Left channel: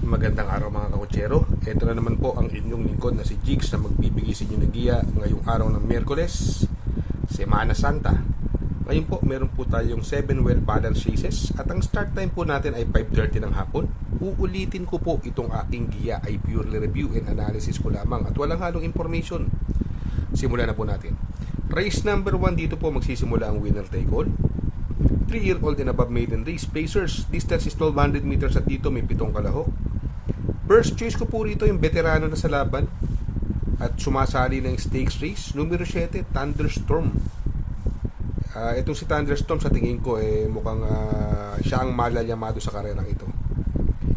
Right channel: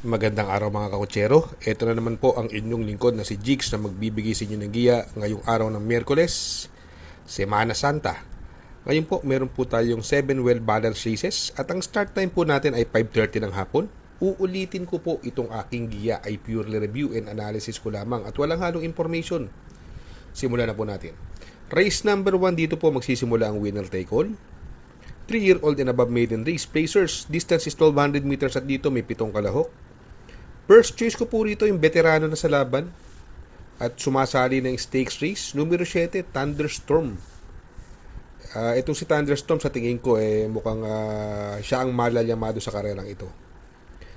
Magandang araw mga kakutsero. Ito na naman po ang inyong lingkod na si Jigs na magbibigay sa inyo ng giya ngayong araw ng Miyerkules, Semana Santa. Ngayon po meron po tayong 7 well-balanced races at ang start time po natin ay 5:30 ng hapon. Uulitin ko po itong aking giya ay purely review and analysis ko lamang at walang halong information. Simulan na po natin. Race number 1 dito po magsisimula ang winner take all. 3-year-old and above maiden race. Pacers, distance is 1200 meters at dito may 7 kalahok. First choice ko po rito yung veterano na sa laban at sumasali ng stakes race. Numero 7, Thunderstorm. Itong si Thunderstorm sa tingin ko mukhang siya ang malalyamado sa karerang ito.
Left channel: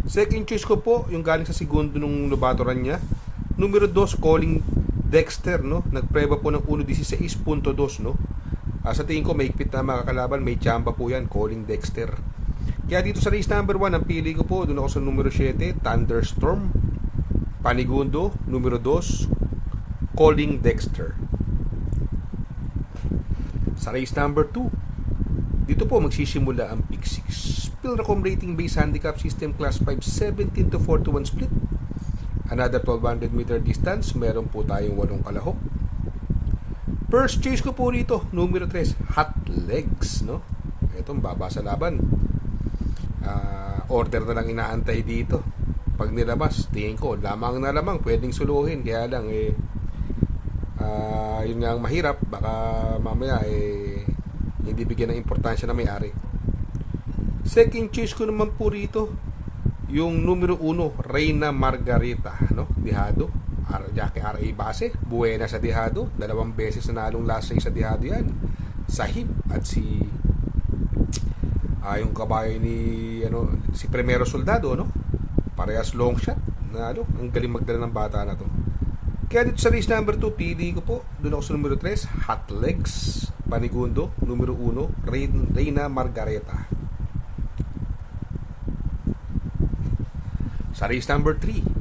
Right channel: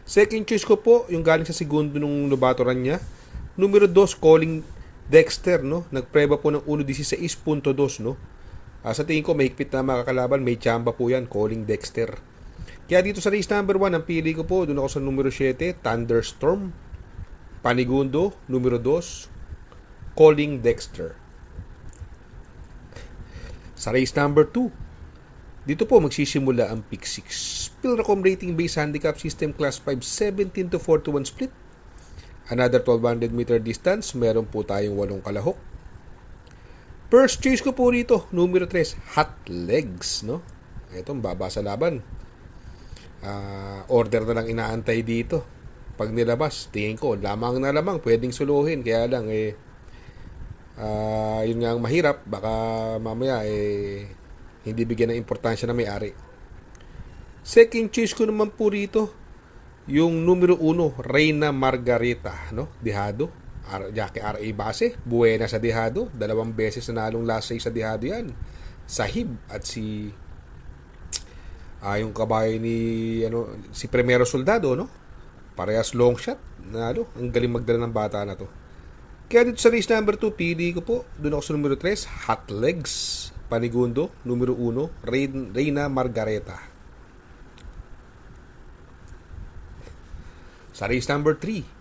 Second choice ko po yung galing sa segundo nung lubatoran niya. Numero 2, Calling Dexter, no? Nagpreba po ng 1.16.2, no? Sa tingin ko may higpit na makakalaban, may chamba po yan, Calling Dexter. Kaya dito sa race number 1, ang pili ko po, doon ako sa numero 7, Thunderstorm. Panigundo, numero 2, Calling Dexter. Sa race number 2, dito po magsisimula ang pick 6. Pilracom rating base handicap system class 5, 17 to 41 split. Another 1200 meter distance, meron po tayong 8 kalahok. First choice ko po rito, numero 3, Hot Legs, no? Itong baba sa laban. Order na lang inaantay dito. Pag nilabas, tingin ko, lamang na lamang, pwedeng suluhin. Kaya lang, yun nga ang mahirap. Baka mamaya, hindi bigyan ng importansya na may-ari. Second choice ko naman po rito, yung numero 1, Reyna Margarita, no? Dihado. Jackie R.A. Base, buena sa Dihado. 2 beses na nalong last race sa Dihado yan. Sahib at si yung kabayo ni si Primero Soldado, no? Parehas long shot. Ang galing magdala ng bata na to. Kaya dito sa race number 2, pili ko po. Doon ako sa numero 3, Hot Legs. Panigundo, numero 1, Reyna Margareta. Sa race number 3,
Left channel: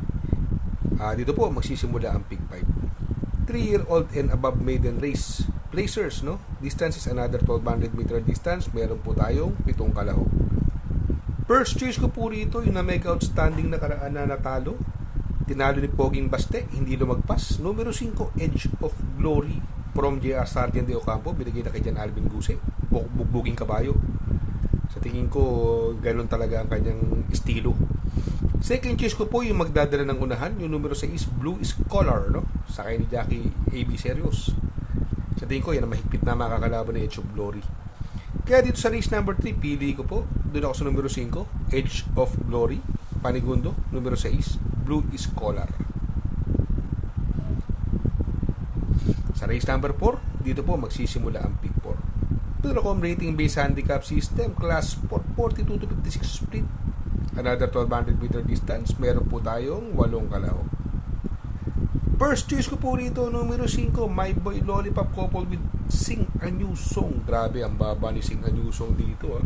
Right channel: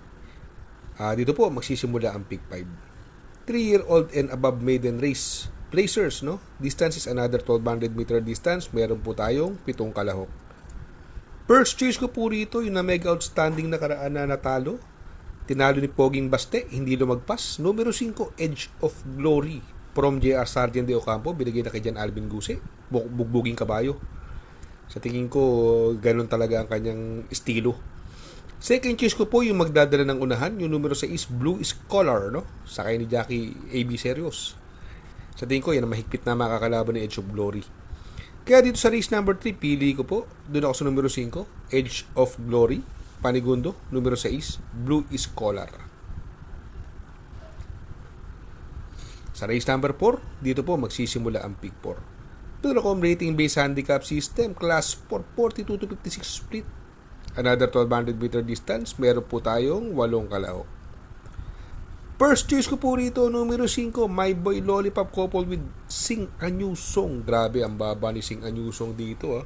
dito po magsisimula ang pick 5. 3-year-old and above maiden race. Placers, no? Distance is another 1200 meter distance. Meron po tayong 7 kalahok. First choice ko po rito yung na mega outstanding na karaan na natalo. Tinalo ni Poging Baste, hindi lumagpas. Numero 5, Edge of Glory from J.R. Sargent de Ocampo. Binigay na kay Jan Alvin Guse. Bugbuging kabayo. Sa tingin ko, ganun talaga ang kanyang estilo. Second choice ko po yung magdadala ng unahan. Yung numero 6, Blue Scholar, no? Sakay ni Jackie A.B. Serios. Sa tingin ko, yan ang mahigpit na makakalaban ng Edge of Glory. Kaya dito sa race number 3, pili ko po. Doon ako sa numero 5, Edge of Glory. Panigundo, numero 6, Blue Scholar. Sa race number 4, dito po magsisimula ang pick 4. Pilracom rating base handicap system, class 4, 42 to 56 split. Another 1200 meter distance, meron po tayong 8 kalahok. First choice ko po rito, numero 5, My Boy Lollipop couple with Sing Anyusong. Grabe, ang baba ni Sing Anyusong dito.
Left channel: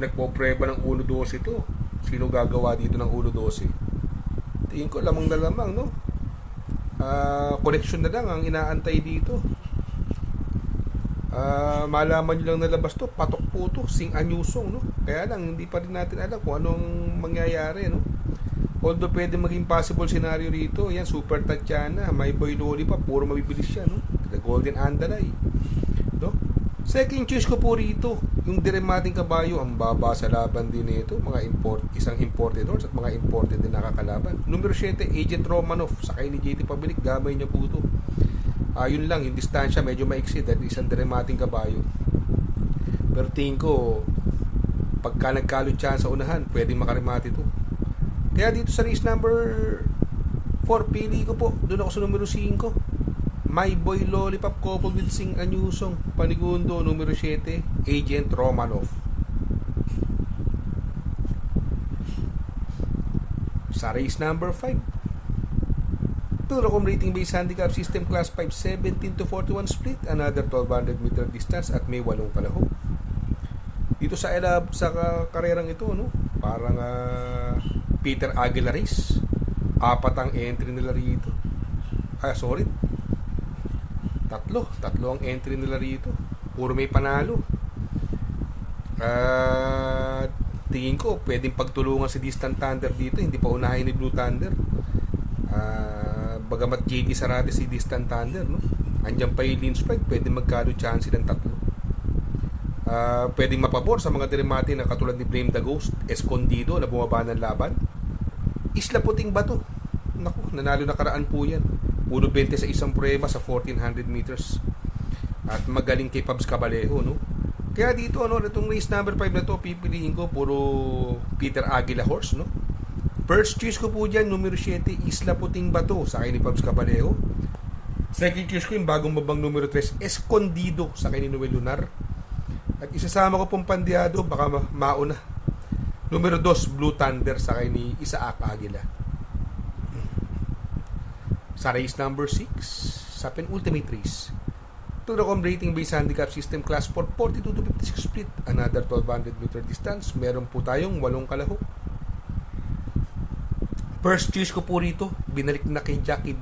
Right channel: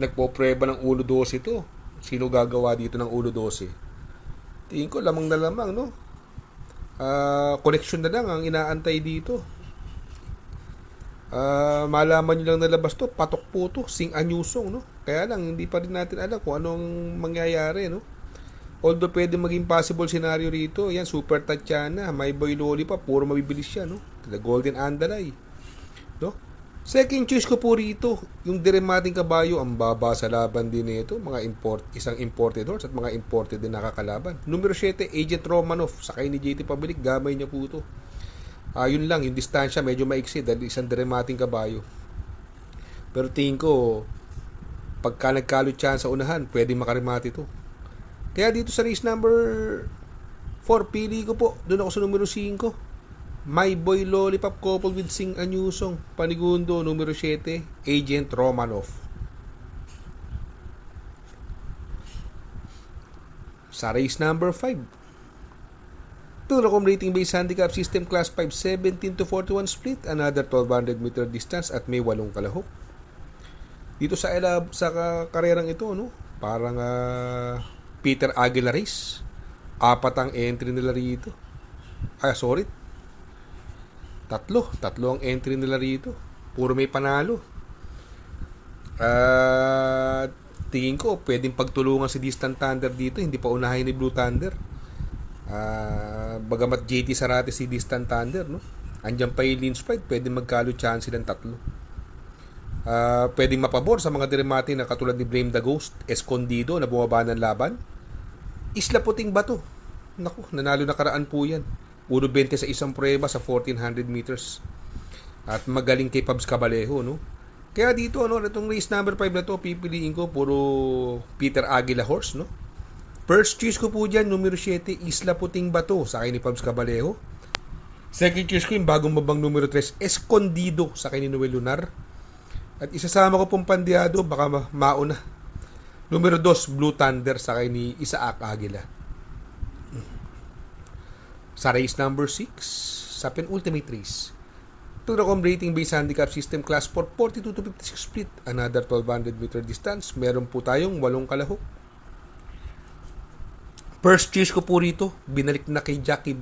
Nagpo-preba ng 1.12 ito. Sino gagawa dito ng 1.12? Tingin ko, lamang na lamang, no? Connection na lang ang inaantay dito. Malaman nyo lang nalabas to, patok po to, Sing Anyusong, no? Kaya lang, hindi pa rin natin alam kung anong mangyayari, no? Although pwede maging possible scenario rito, yan, Super Tatiana, My Boy Lollipop, puro mabibilis siya, no? The Golden Andalay, no? Second choice ko po rito, yung diremating kabayo, ang baba sa laban din nito, isang imported horse at mga imported din nakakalaban. Numero 7, Agent Romanov, sakay ni JT Pabilik, gamay niya po ito. Yun lang, yung distansya medyo maiksi dahil isang diremating kabayo. Pero tingin ko, pagka nagkalot siya sa unahan, pwedeng makarimati ito. Kaya dito sa race number 4, pili ko po. Doon ako sa numero 5. My Boy Lollipop couple with Sing Anyusong. Panigundo, numero 7, Agent Romanov. Sa race number 5, Pilracom rating base handicap system class 5, 17 to 41 split. Another 1200 meter distance at may 8 kalahok. Dito sa karerang ito, no? Parang Peter Aguilar race. 4 ang entry nila rito. Tatlo ang entry nila rito. Puro may panalo. tingin ko pwedeng pagtulungan si Distant Thunder dito, hindi pa unahin ni Blue Thunder. Bagamat JT Sarate si Distant Thunder, no? Andiyan pa yung Lynch Pride, pwedeng magkalo chance ng tatlo. Pwedeng mapabor sa mga dirimati na katulad ni Blame the Ghost, Escondido na bumaba ng laban. Isla Puting Bato, naku, nanalo nakaraan po yan. Puro 20 sa isang prueba sa 1400 meters. At magaling kay Pabs Cabalejo, no? Kaya dito, ano, itong race number 5 na to, pipiliin ko puro Peter Aguila horse, no? First choice ko po dyan, numero 7, Isla Puting Bato, sa akin ni Pabs Cabalejo. Second choice ko yung bagong babang numero 3, Escondido, sa akin ni Noel Lunar. At isasama ko pong pandiado, baka mauna. Numero 2, Blue Thunder, sa akin ni Isaac Aguila. Sa race number 6, sa penultimate race, Turacom rating based handicap system class 4, 42 to 56 split, another 1200 meter distance. Meron po tayong 8 kalahok. First choice ko po rito, binalik na kay Jackie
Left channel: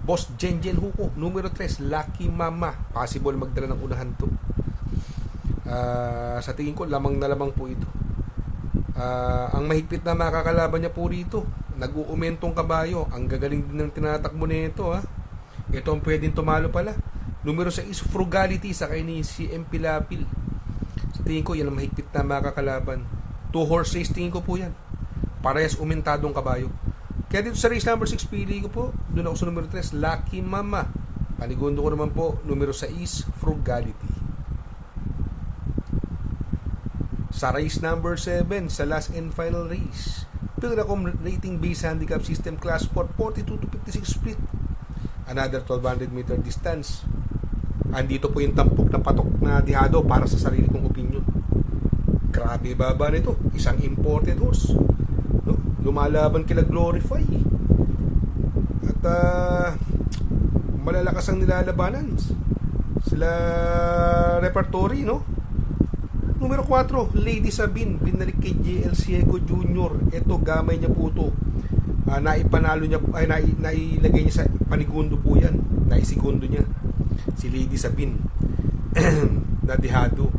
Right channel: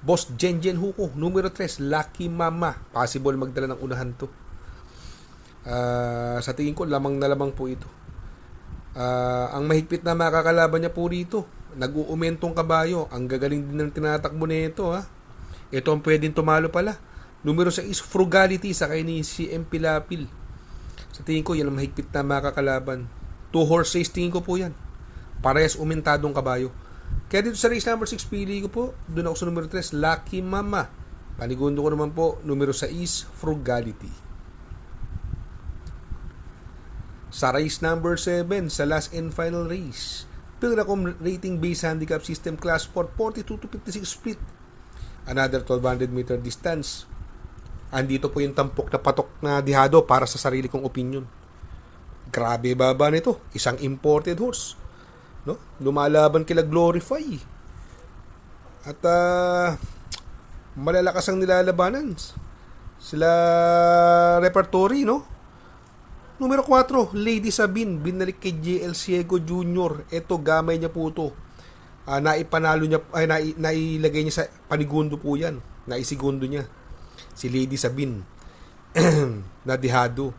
Boss Jenjen Huko, numero 3, Lucky Mama. Possible magdala ng unahan to. Sa tingin ko, lamang na lamang po ito. Ang mahigpit na makakalaban niya po rito, nag-uumentong kabayo. Ang gagaling din ng tinatakbo nito, ha. Ito ang pwedeng tumalo pala. Numero 6, Frugality, sa kay ni CM Pilapil. Sa tingin ko, yan ang mahigpit na makakalaban. 2 horse race, tingin ko po yan. Parehas umentadong kabayo. Kaya dito sa race number 6, pili ko po, doon ako sa numero 3, Lucky Mama. Panigundo ko naman po, numero 6, Frugality. Sa race number 7, sa last and final race, Pilracom rating base handicap system class 4, 42 to 56 split, another 1200 meter distance. Andito po yung tampok na patok na dihado para sa sarili kong opinion. Grabe baba nito, isang imported horse, no? Lumalaban kila Glorify. At malalakas ang nilalabanan sila Repertory, no? Numero 4, Lady Sabine, binalik kay JL Ciego Jr. Ito, gamay niya po ito. Naipanalo niya, nailagay niya sa panigundo po yan. Naisigundo niya. Si Lady Sabine. Nadihado.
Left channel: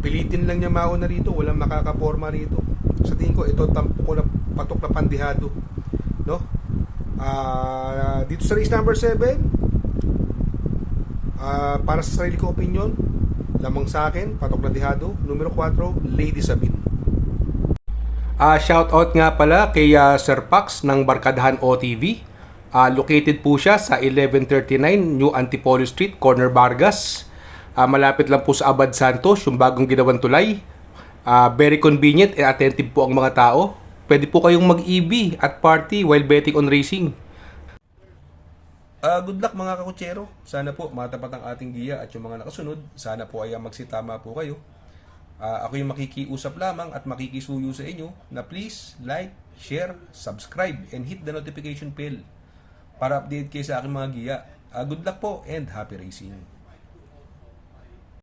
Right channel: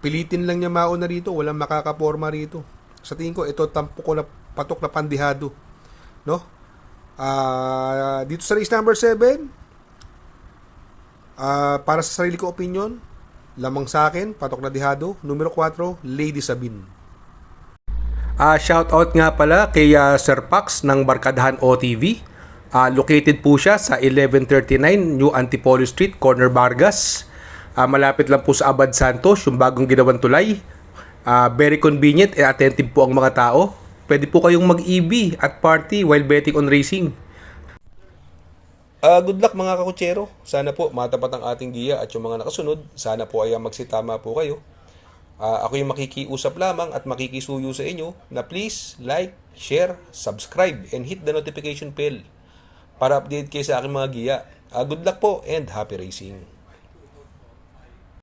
Pilitin lang niya mauna rito. Walang makakaporma rito. Sa tingin ko, ito tampo ko na patok na pandihado. No? Dito sa race number 7, para sa sarili ko opinion, lamang sa akin, patok na dihado. Numero 4, Lady Sabine. Shout out nga pala kay Sir Pax ng Barkadahan OTV. Located po siya sa 1139 New Antipolo Street, Corner Vargas. Malapit lang po sa Abad Santos, yung bagong ginawang tulay. Very convenient and attentive po ang mga tao. Pwede po kayong mag-EV at party while betting on racing. Good luck mga kakutsero. Sana po matapat ang ating giya at yung mga nakasunod. Sana po ay magsitama po kayo. Ako yung makikiusap lamang at makikisuyo sa inyo na please like, share, subscribe, and hit the notification bell para update kayo sa aking mga giya. Good luck po and happy racing.